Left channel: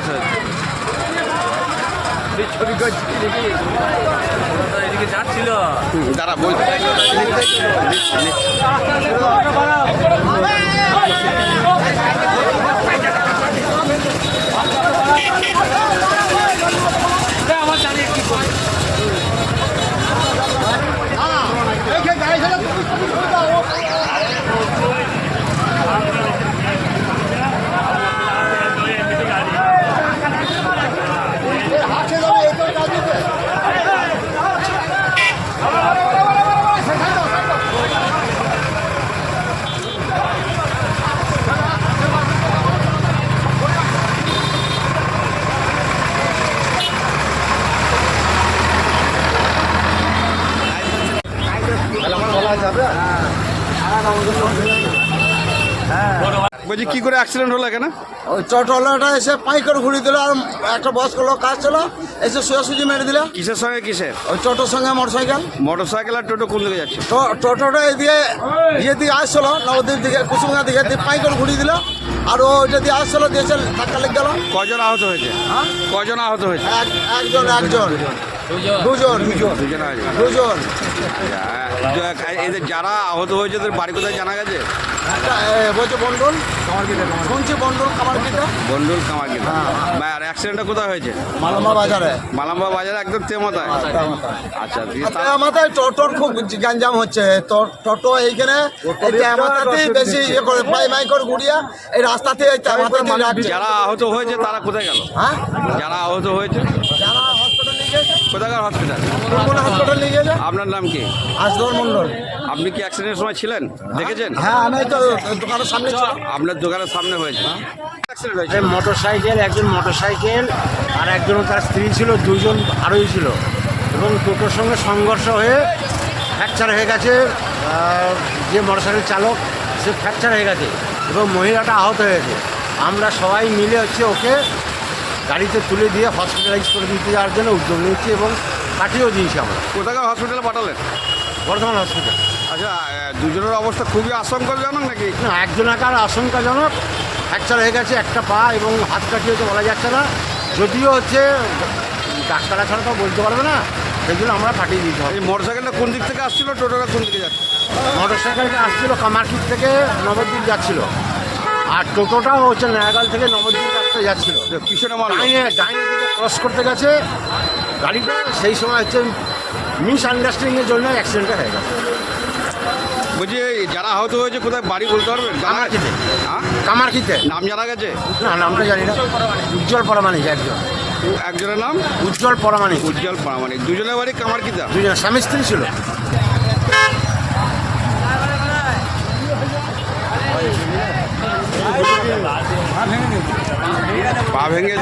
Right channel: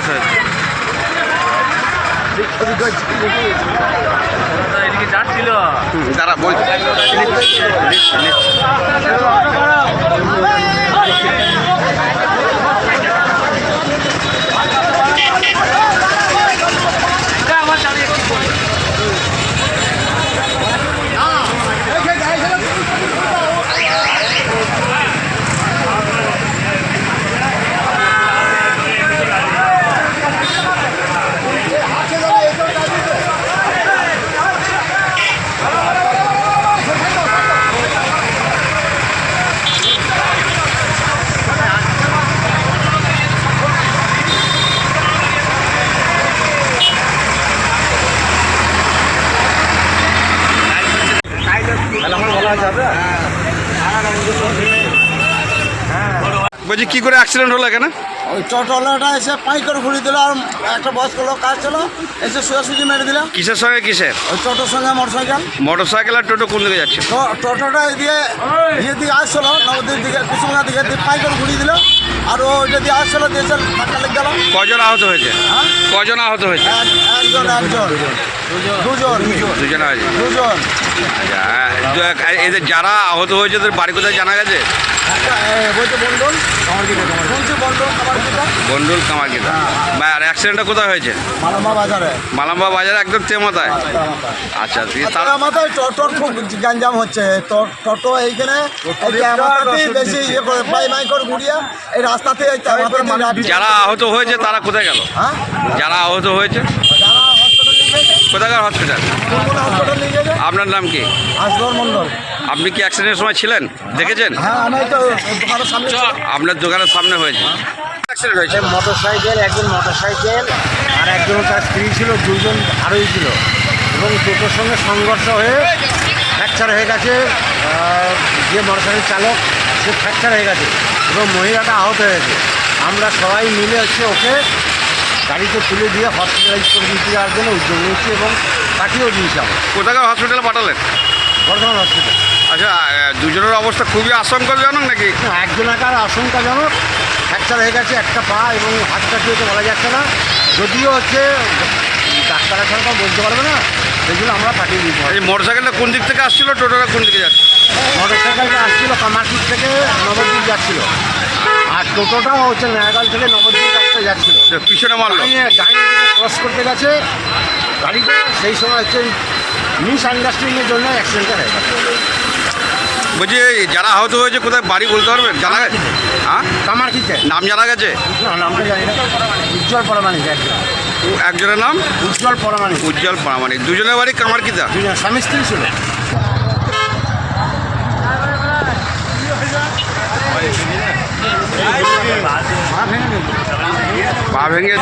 অবস্থা হয়েছে? এদিকে যাচ্ছিল দাঁড়া বই বলছি কি করে অ্যাক্সিডেন্ট হলো এখানে? ওই টোটোলাটা এসে পাইকার ঘুরিয়ে দিল, আর একটা বয়স্ক লোক কাজ ছিল এসে সোজাসুজি মেরে দিল। কিসের সঙ্গে কিসের? ওই টোটোর সঙ্গে মোটরসাইকেল। মোটরসাইকেল আর টোটো কোন দিকে যাচ্ছে? তো টোটোটা ইয়ে দিকে আসছিল নবদ্বীপ দিকে, কুসুমগা দিকে, পাইকার ঘুরিয়ে দিল। আর ওইটা দিয়ে আসছিল, দিয়েছে ধাক্কা লেগে গেল। কজন আহত হয়েছে? হ্যাঁ, কজন আহত হয়েছে? একজন দুজন আছে। আচ্ছা, এদের যারা আহত হয়েছে ওদের বাড়ি কোথায় জানা গেছে? বলছে বন্ডল, শুনছি বন্ডল কামারকিতা। বন্ডুল কামারকিতা। আর অ্যাক্সিডেন্টটা কোথায় হয়েছে? মালাম্বা বাজারে। মালাম্বা বাজারে একদম তেমাতায়। আচ্ছা, মাথায় টোটোর খুব গ্যাঞ্জাম হচ্ছে। টোটো এইখানে মাথাতেই বেশি ইয়ে করে মাই করে ঘুরিয়ে এই রাস্তাতে যারা আহত হয়েছে তারা কোথায় গেল? হ্যাঁ, যারা আহত হয়েছে যারা হসপিটাল নিয়ে গেছে, কোথাকার হসপিটাল? হসপিটাল নিয়ে গেছে। আপনার নাম কি? আসগর মন্ডল। আপনি কি অ্যাক্সিডেন্টের সময় ছিলেন? দেখেছেন? হ্যাঁ, আমি তো দোকানের সামনে। আপনার দোকানের সামনে হয়েছে অ্যাক্সিডেন্ট হয়েছে? একজন মোটরসাইকেল আর একজন তার স্ত্রী ছিল, দুজন আরোহী ছিল, এবং টোটোর সঙ্গে সংঘর্ষ হয়ে ফ্র্যাকচার হয়ে গেছে। যে মোটরসাইকেল চালক সে ফ্র্যাকচার হয়ে গেছে এবং মহিলাটা আহত হয়েছে। আমরা সবাই মিলে ওকে গাড়িতে তুলে দিয়ে হসপিটালাইজ করে দিতে যাওয়ার জন্য উদ্যোগ নিয়েছি এবং কাটিয়েও দিয়েছি আমরা। কোথাকার হসপিটালে পাঠালেন? বর্ধমান হসপিটাল। আচ্ছা, দুজনের অবস্থা খুবই আশঙ্কাজনক নাকি? একজনাকার আশঙ্কাজনক, ফ্র্যাকচার হয়ে গেছে একটা পা এবং হাতটা কি হয়েছে বলা যাচ্ছে না, যদিও ডাক্তার ছাড়া বলতে পারবে না, সেগুলো আমরা পাঠিয়ে দিতে হবে। এই মোটরসাইকেলটা কোন দিক থেকে আসছিল, টোটোটা কোন দিকে যাচ্ছে? মোটরসাইকেলটা আসছিল কামারপুর থেকে নবদ্বীপ যাচ্ছিল, আর টোটোটাও নয়াগাল থেকে নবদ্বীপ রাস্তায় যাচ্ছিল। পিছনে মারলো? ডাইনে দিকে ক্রস করতে গেছে গাড়িটা, সেই সময় মিস আন্ডারস্ট্যান্ডিংয়ের জন্য অ্যাক্সিডেন্টটা হয়ে গেছে। বলছি যারা আহত হয়েছে কোথায় বাড়ি বলতে পারবেন? জানা গেছে? হ্যাঁ, কামারকিতে। নাম জানা গেছে? না, নামটা জানি না। উজ্জ্বল পরামানিক একজনের নাম উজ্জ্বল পরামানিক। উজ্জ্বল পরামানিক। দুজনের বাড়ি কামারকিতা? দুজন স্বামী স্ত্রী ছিল। পা ভেঙে